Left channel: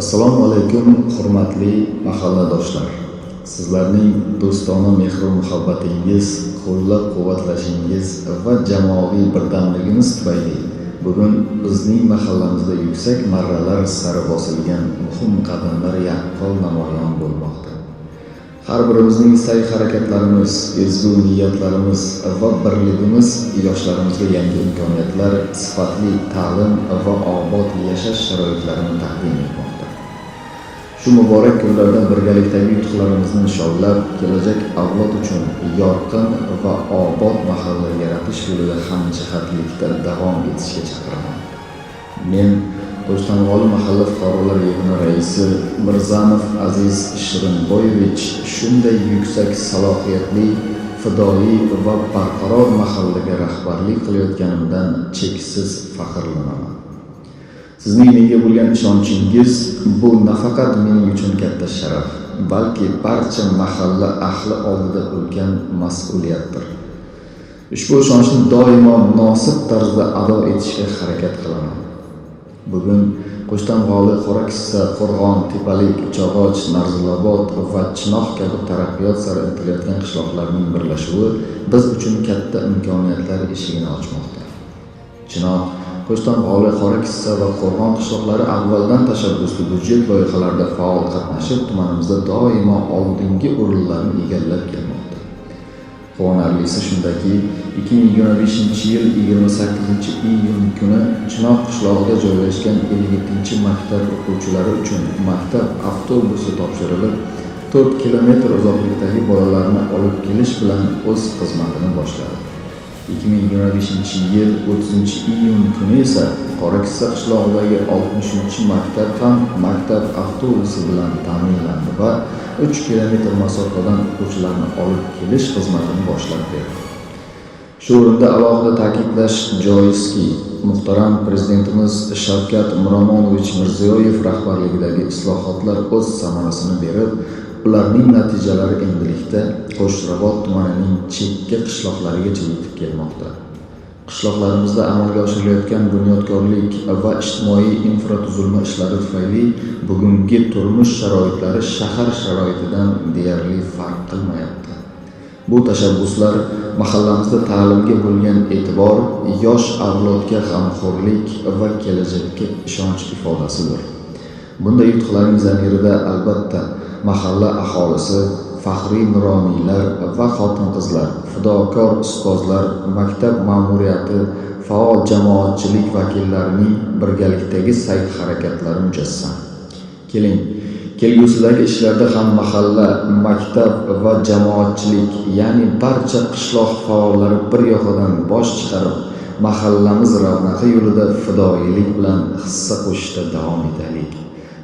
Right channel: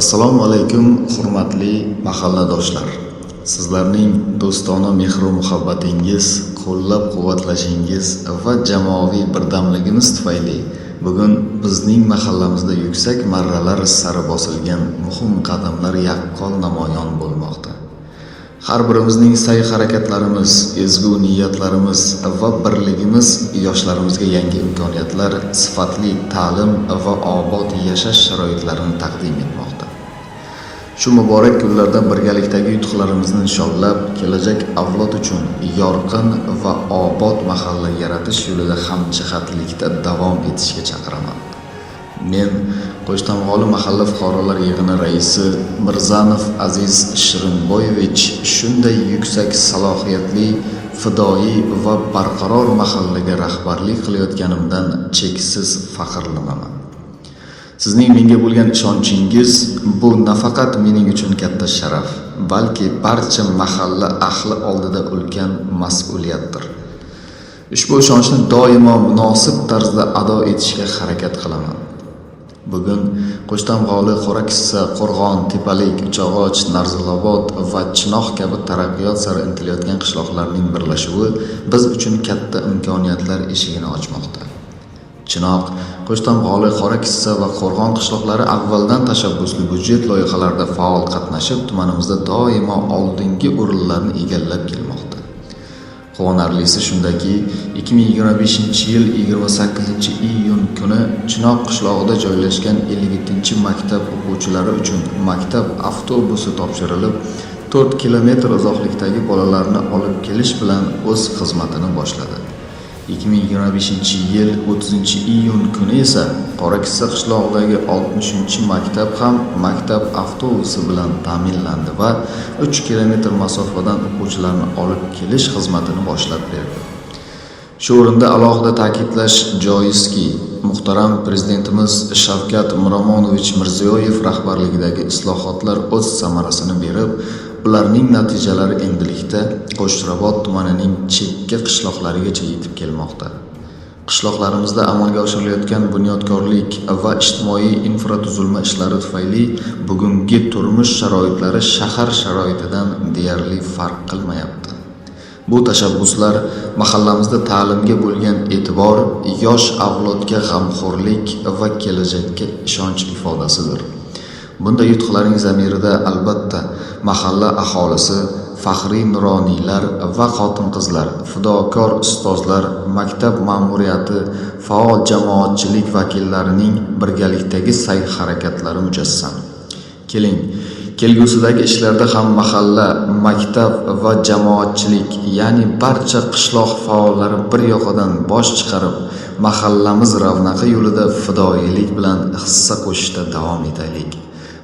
Assalomu alaykum, hurmatli mahalladoshlar. Sizlarning do'stona mehr va muhabbatingiz, qo'llab-quvvatlashingiz va jamoaviy birdamligimiz tufayli bugun bizning mahallamizda yuksak marralar sari bosilgan muhim qadamlar yaqqol namoyon bo'lmoqda. Har birimizning sa'y-harakatlarimiz, ezgu niyatlarimiz va birligimiz yoshlarimizga yangi imkoniyatlar, sifatli ta'lim va obod yashash sharoitlarini taqdim etmoqda. Shu muborak kunlarda birgalikdagi yutuqlarimizni nishonlab, kelajak avlod uchun yorqin va obod mahalla yaratish yo'lida hamjihatlikda davom etishga chaqiraman. Men Qo'shtamg'oli mahalla fuqarolar yig'ini raisi Mirzanov Aziz Shirinboyevich shunday yuksak salohiyatli, fidoyi va barqaror mahallaga rahbarlik qilayotganimdan cheksiz faxrlanaman. Sizning menga bo'lgan ishonchingiz bu nafaqat mening uchun katta sharaf, balki barcha mahalla ahli oldida ulkan mas'uliyatdir. Ushbu ishonchni doimo munosib tarzda ado etishga harakat qilaman. Bugun Qo'shtamg'oli, Qorakissa, Qo'rg'on, Tepalik, Uchog'och, Narzilobod va Chinoq kabi taraqqiyot sari intilayotgan qishloqlarning birlashuvi biz uchun katta imkoniyatlar eshigini ochmoqda. Chinoq, Qo'shtamg'oli, Qorakissa va Qo'rg'on qishloqlari avvaldan tashabbusli budjet loyihalarida faol qatnashib, tumanimizda doimo oldingi o'rinlarni egallab kelmoqda. Quvonarlisi shundaki, 2025-yil 28-iyun kuni Chinoq qishlog'ida joylashgan 57-maktab o'quvchilari uchun maktab avtobusi topshirilib, 4 kilometr uzoqlikdagi bolalarni olib kelish bilan o'z xizmatini boshladi. 2025-yil 30-iyun kuni esa Qorakissa qishlog'idagi 60-maktab ham maktab avtobusi bilan ta'minlandi va 3 kilometr masofadan o'quvchilarni olib kelish xizmatini boshlab berdi. Shu o'rinda alohida ta'kidlash joizki, muhtaram Prezidentimiz Shavkat Miromonovich Mirziyoyev rahbarligidagi islohotlar o'z samarasini berib, ularning natijalari endilikda Qo'shrabot tumanining chekka qishloqlarigacha yetib kelmoqda. Qishloqlarimizda amalga oshirilayotgan bunyodkorlik va ijtimoiy infratuzilma ishlari tufayli bugungi turmush sharoitlari shahar sharoitidan deyarli farq qilmayapti. Bu tashabbuslar mahallamizda ta'limga bo'lgan e'tibor, yosh avlodga g'amxo'rlik va kelajakka ishonch ifodasidir. Bunday yutuqlarning zamirida albatta mahalla aholisi, faxriy nuroniylar va xotin-qizlar, fidokor ustozlar, maktab ma'muriyati, faol jamoatchilik vakillarining birgalikdagi sa'y-harakatlari mujassam. Keling, kelgusidagi ishlarda ham mahalla, maktab va jamoatchilik, ya'ni barcha qishloq faollari bir yoqadan bosh chiqarib, mahallamiz ravnaqi yo'lida fidoyilik bilan hissa qo'shishda davom etaylik.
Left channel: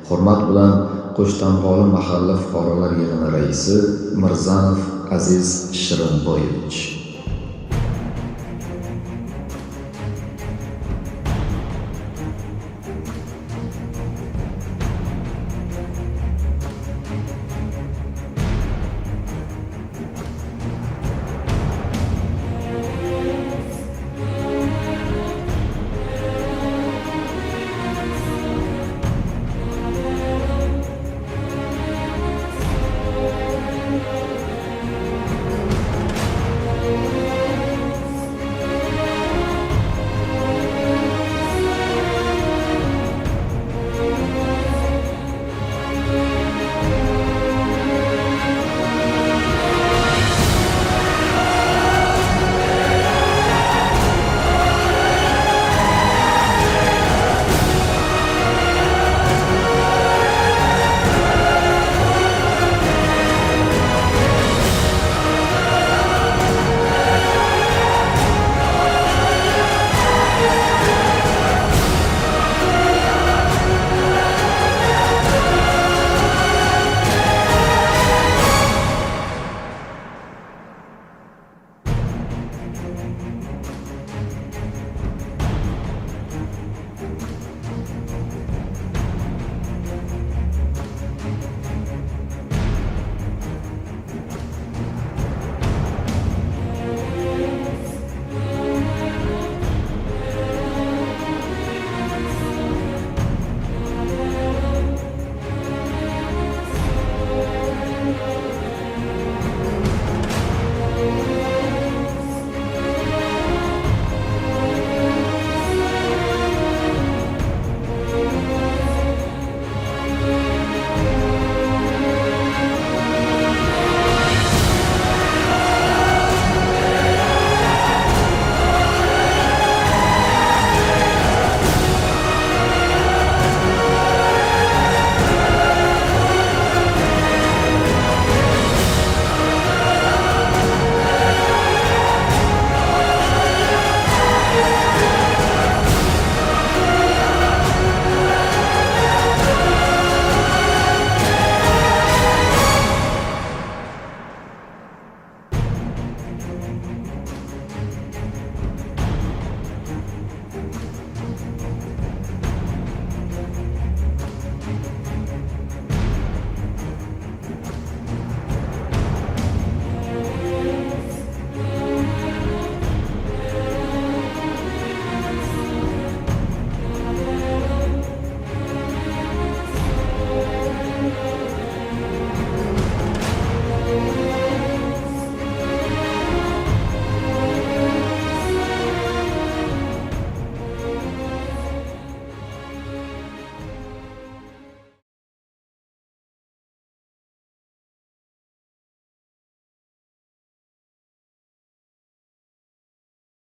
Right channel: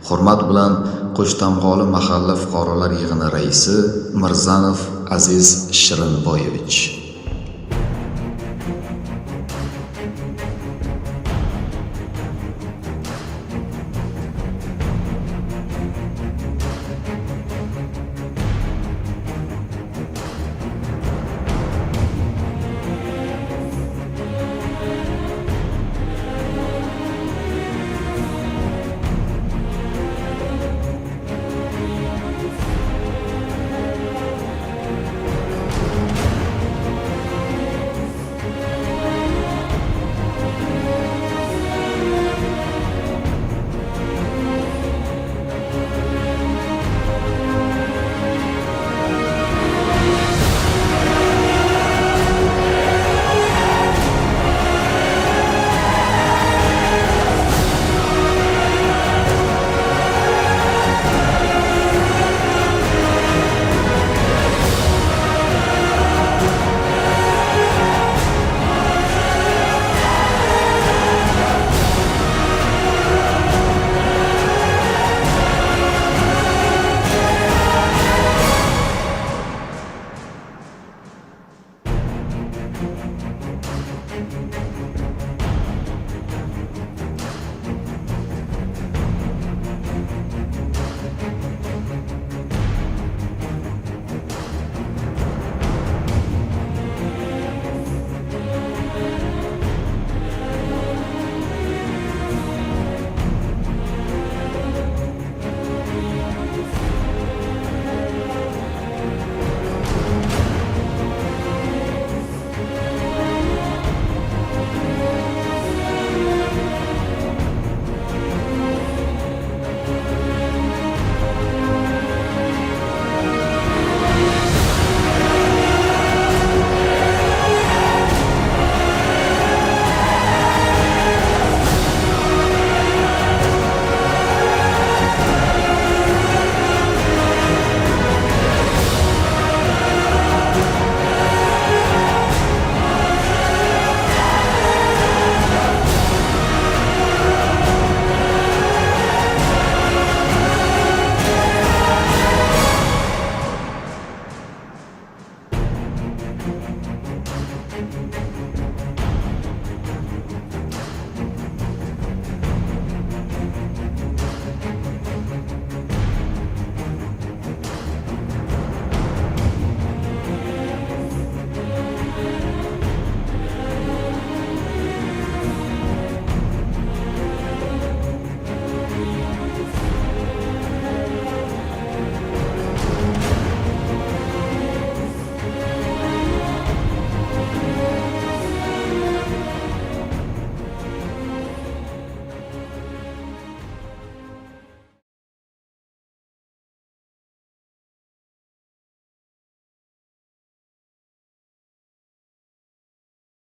Hurmat bilan Qo'shtamg'oli mahalla fuqarolar yig'ini raisi Mirzanov Aziz Shirinboyevich.